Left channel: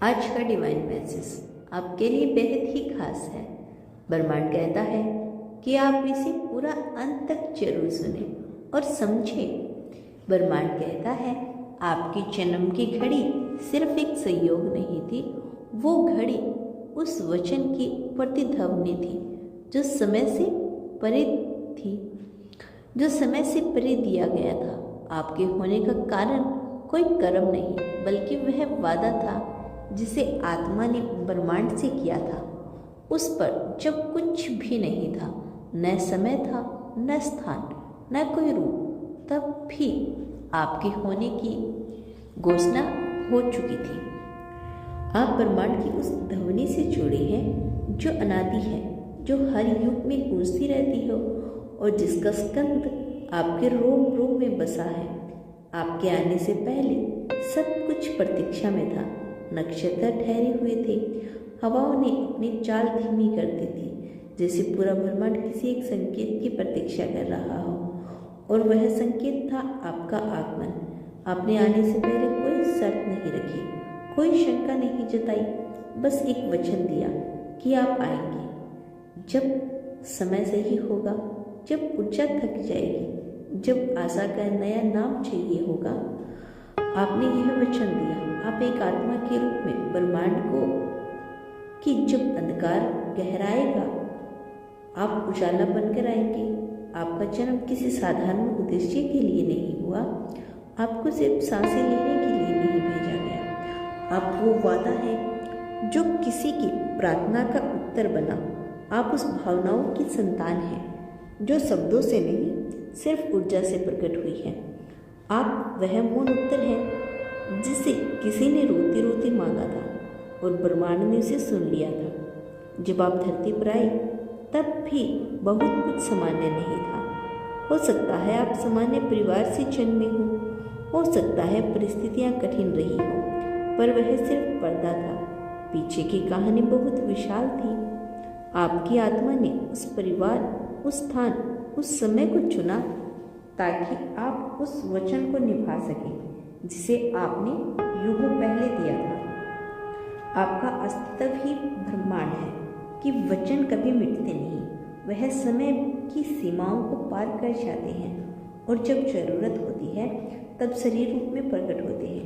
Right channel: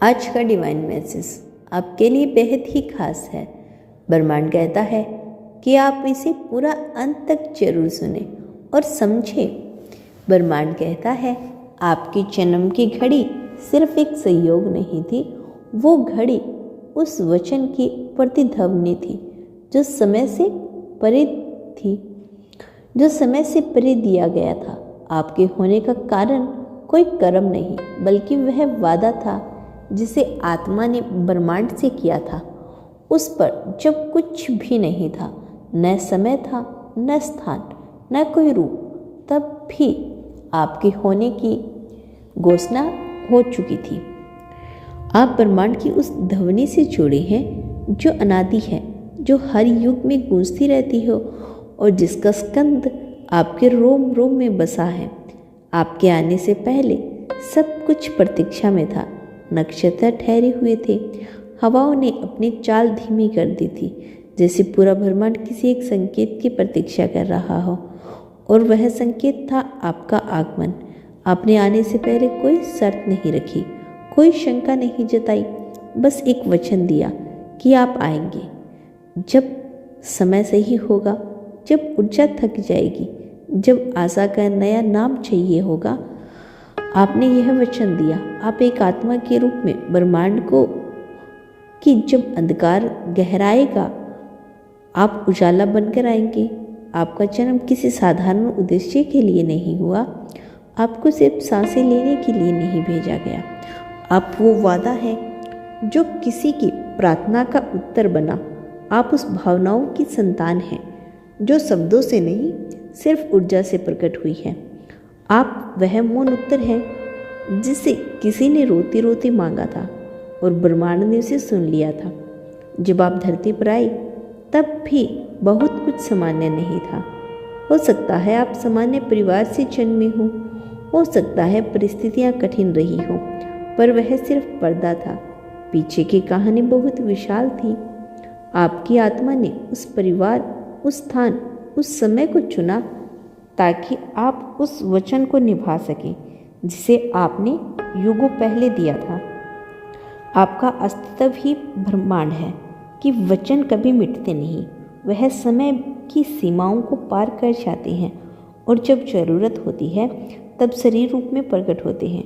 आज का divine message आपके लिए बेहद ही खास है। ब्रह्मांड कहता है कि आप इसे पूरा अंत तक जरूर सुने और समझें। ब्रह्मांड कहता है आपकी जन्म की घड़ी सिर्फ एक संयोग नहीं थी, वो घड़ी उस वचन की प्रतिध्वनि थी जो समय से परे थी, जो समय से परे दिया गया था। आपके होने का कारण कोई कर्म नहीं, बल्कि वह वादा था जिसे आत्मा ने ब्रह्मांड से किया था। उस पर जब कुछ भी नहीं था, न समय था, न स्थान, न कोई रूप, तब भी आपके होने की घोषणा हो चुकी थी। आप ब्रह्मांड की उस ध्वनि से जुड़े हैं जो अनादि है, जो हर युग में गूंजती रहती हो और जिसका स्कंद आपके रोम रोम में बसा है। आपके आने से पहले सब कुछ प्रतीक्षा में था। नक्षत्र ठहरे हुए थे, हवाओं ने अपनी चाल धीमी कर दी थी, जैसे पूरा ब्रह्मांड किसी एक संकेत की प्रतीक्षा कर रहा हो। और वह संकेत था आपका आगमन। आपने आने से पहले कोई शर्त नहीं रखी, कोई शंका नहीं जताई, बस एक वचन दिया कि आप आएंगे जब समय सही होगा, जब ऊर्जा थक जाएगी, जब आशा का नया नाम चाहिए होगा। आपने यह वचन दिया। आप एक आत्मा के रूप में ब्रह्मांड को कि जब अंधकार गहराएगा आप उजाला बनकर आएंगे। आपका जन्म किसी साधारण उद्देश्य के लिए नहीं हुआ, आपको सिर्फ सांसें लेने के लिए नहीं भेजा गया। आप वो वादा है जो किसी की प्रार्थना का उत्तर बना। आप उस भावनाओं की संतान हैं जो शब्दों से नहीं, सिर्फ ऊर्जा से प्रकट हुई है। आप वह मौन उत्तर हैं जिसे किसी ने रोते रोते मांगा था और ब्रह्मांड ने उसे सुन लिया था। जब आप धरती पर आए तब भी बहुत कुछ सामान्य नहीं था। हो सकता है आप सामान्य परिवार से जन्मे हो सकता है परिस्थितियां कठिन रही हो, पर वह सिर्फ पर्दा था। पीछे की कहानी बहुत विशाल थी। आपकी आत्मा ने उस परिवार, उस स्थान, उस समय को चुना ताकि आप उस वचन को निभा सकें जिसे आपने युगों पहले दिया था। आपका अस्तित्व ही ब्रह्मांड है कि वचन कभी मिटते नहीं। वह समय की सीमाओं को पार कर जाते हैं और जब जरूरत होती है तब शरीर रूप में प्रकट होते हैं।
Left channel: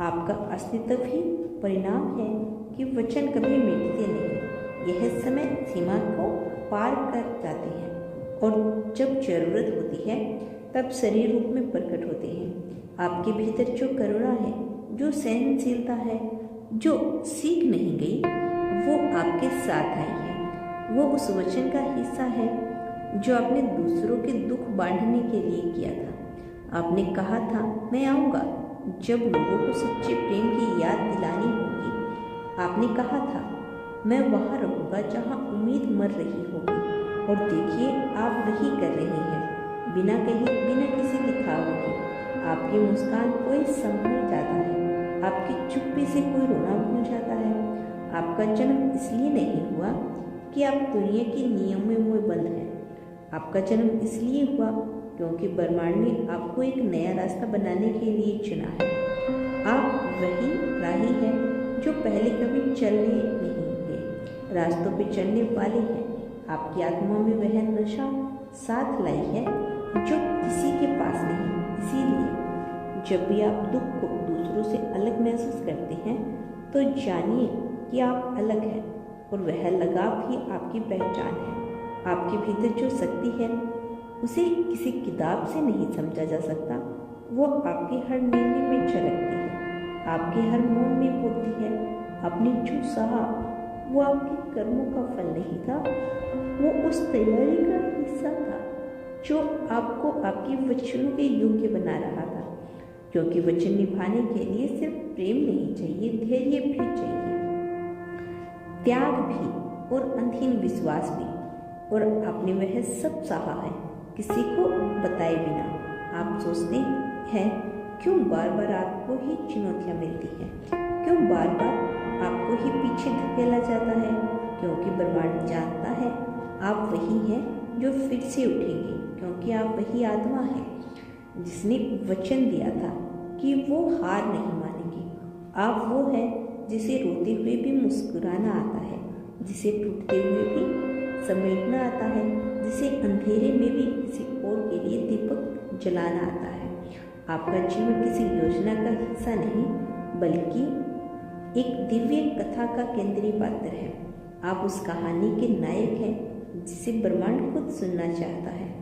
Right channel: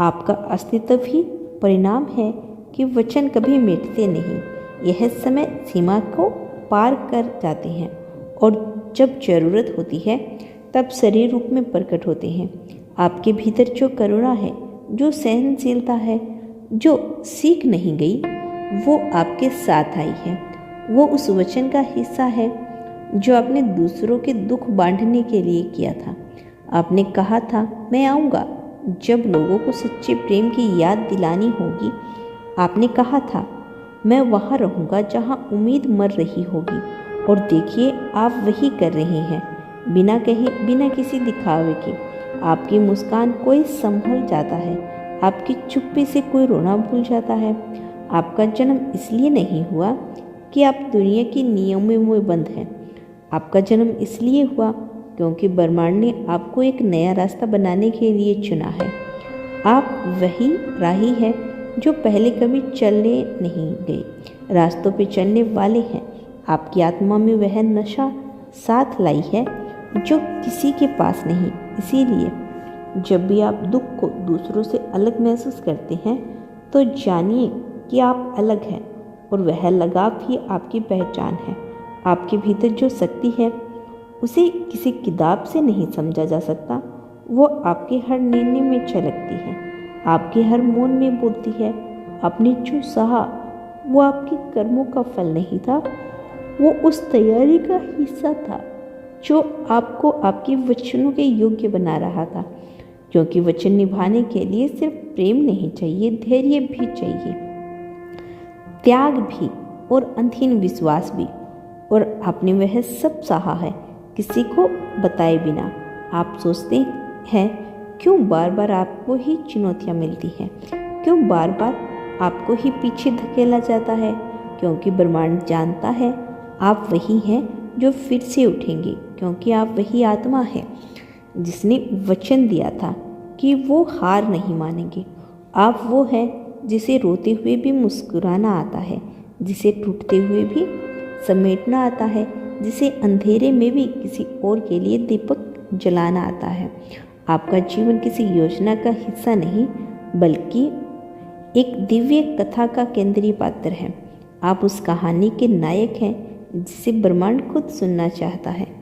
आपका अस्तित्व ही परिणाम है कि वचन कभी मिटते नहीं। यह समय सीमा को पार कर जाते हैं और जब जरूरत होती है तब शरीर रूप में प्रकट होते हैं। आपके भीतर जो करुणा है, जो सहनशीलता है, जो सीख नहीं गई, वो आपके साथ आई है। वो उस वचन का हिस्सा है जो आपने दूसरों के दुख बांटने के लिए किया था। आपने कहा था मैं आऊँगा जब लोगों को सच्चे प्रेम की याद दिलानी होगी। आपने कहा था मैं वहाँ रहूँगा जहाँ उम्मीद मर रही होगी। और देखिए आप वही कर रहे हैं, बिना कहीं, बिना किसी दिखावे के। आपकी मुस्कान कोई संभल जाता है, आपकी चुप्पी से कोई रोना भूल जाता है। आपका जन्म इसलिए नहीं हुआ कि आप दुनिया के नियमों में बंद हैं। आपका जन्म इसलिए हुआ क्योंकि ब्रह्मांड ने आपको एक नया रास्ता बनाने के लिए चुना है। आप वही राही हैं जो पहले कभी चलने नहीं गए, रास्तों पे चलने वाले हैं। आपकी आत्मा में वह नशा साथ लाई है जो किसी के पास नहीं। इसीलिए जब भी आप दुख को दूसरों से अलग महसूस करते हैं तो जानिए कि आप अलग हैं और वह लगाव ही आपकी पहचान है। आपके भीतर जो शक्ति है उसे किसी किताब से नहीं समझा जा सकता। वो आपके हर निर्णय में झलकती है, आपके हर मौन में बोलती है। आपने जो सहा वो आपके कर्मों का फल नहीं था, वो उस तैयारी का हिस्सा था जो आपको आपके वचनों के योग्य बना रहा था। क्योंकि वचन निभाने के लिए सिर्फ प्रेम नहीं चाहिए, धैर्य भी चाहिए, त्याग भी और अंतहीन विश्वास भी। और आपने वह सब सहा है किसी को बताए बिना। आप सोचते हैं क्यों बार बार आपको ही चुनौतियाँ मिलती हैं, क्यों बार बार आपको ही पीछे धकेला जाता है। क्योंकि ब्रह्मांड जानता है आप वही हैं जो फिर से उठेंगे, क्योंकि आप वही आत्मा है जिसने वचन दिया था कि वो हार नहीं मानेंगे। आप वो हैं जिसे रोते हुए भी मुस्कुराना आता है, जिसे टूटते हुए भी समेटना आता है, जिसे अंधेरे में भी किसी और के लिए दीपक जलाना आता है। आपका जीवन किसी योजना का हिस्सा नहीं, बल्कि एक दिव्य कथा का केंद्रीय पात्र है। आप उस कहानी के नायक हैं जिसे ब्रह्मांड खुद सुनना चाहता है।